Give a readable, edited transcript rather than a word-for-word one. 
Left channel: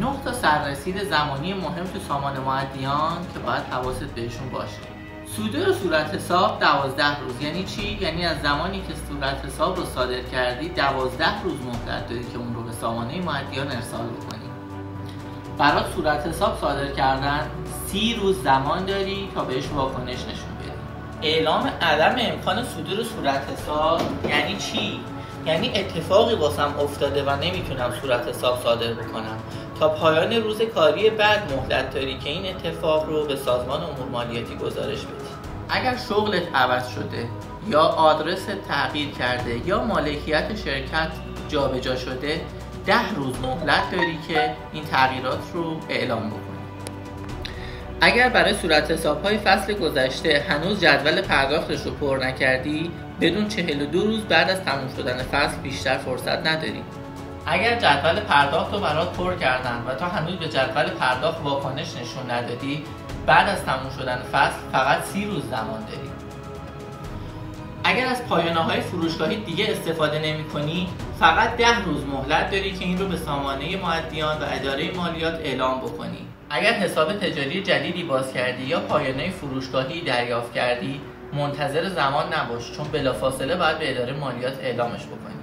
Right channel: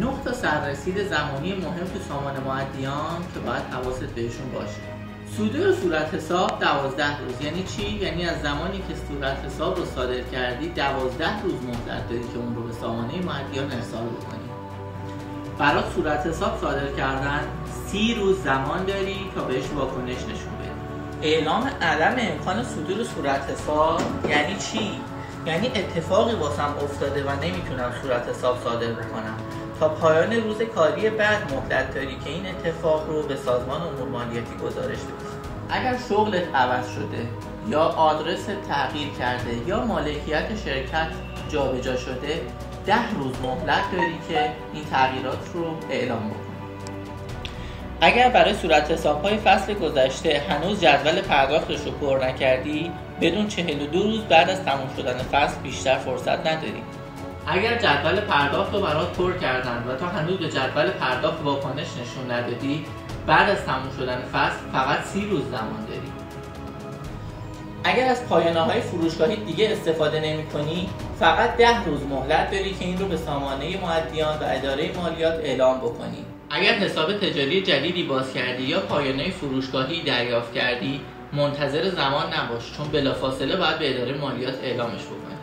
9 تا سررسید زمانی مهم تو سامان معدیان که باید حواست بهشون باشه. صدور صورت حساب 12 روز. یعنی چی؟ یعنی از زمانی که صورت حساب رو صادر کردی 12 روز مهلت داری که اون رو به سامانه معدیان ارسال بکنی. برای صورت حساب صادر کردن 30 روز زمان داری تا بهش واکنش نشون بدی. اعلام عدم امکان صدور صورت حساب یعنی چی؟ یعنی اتفاقی واسم افتاده و نمیتونم صورت حساب صادر بکنم. تا پایان روز کاری بعد مهلت داری که این اتفاق رو به سازمان امور مالیاتی گزارش بدی. اگر شغلت عوض شده یا آدرس تغییر کرده یا مالکیت شرکت جابجا شده 10 روز مهلت داری که این تغییرات رو اعلام بکنی. اگر برای صورت حساب‌های فصل گذشته هنوز جدول پرداختش رو پر نکردی بدون 42 روز بعد از تموم شدن فصل بیشتر فرصت نداری. اگر جدول پرداخت رو برات پر کردن و تا هنوز به جدول پرداخت واکنش نشون ندادی بعد از تموم شدن فصل فقط 30 روز زمان داری. اگر از پایانه‌های فروشگاهی دیگه استفاده نمی‌کنی فقط 10 روز مهلت داری که این رو به سامانه معدیان و اداره مالیات اعلام بکنی. اگر حساب تجاری جدیدی باز کردی یا پایانه فروشگاهی دریافت کردی منتظر زمان نباش، چون بلافاصله باید به اداره مالیات اعلامش بکنی.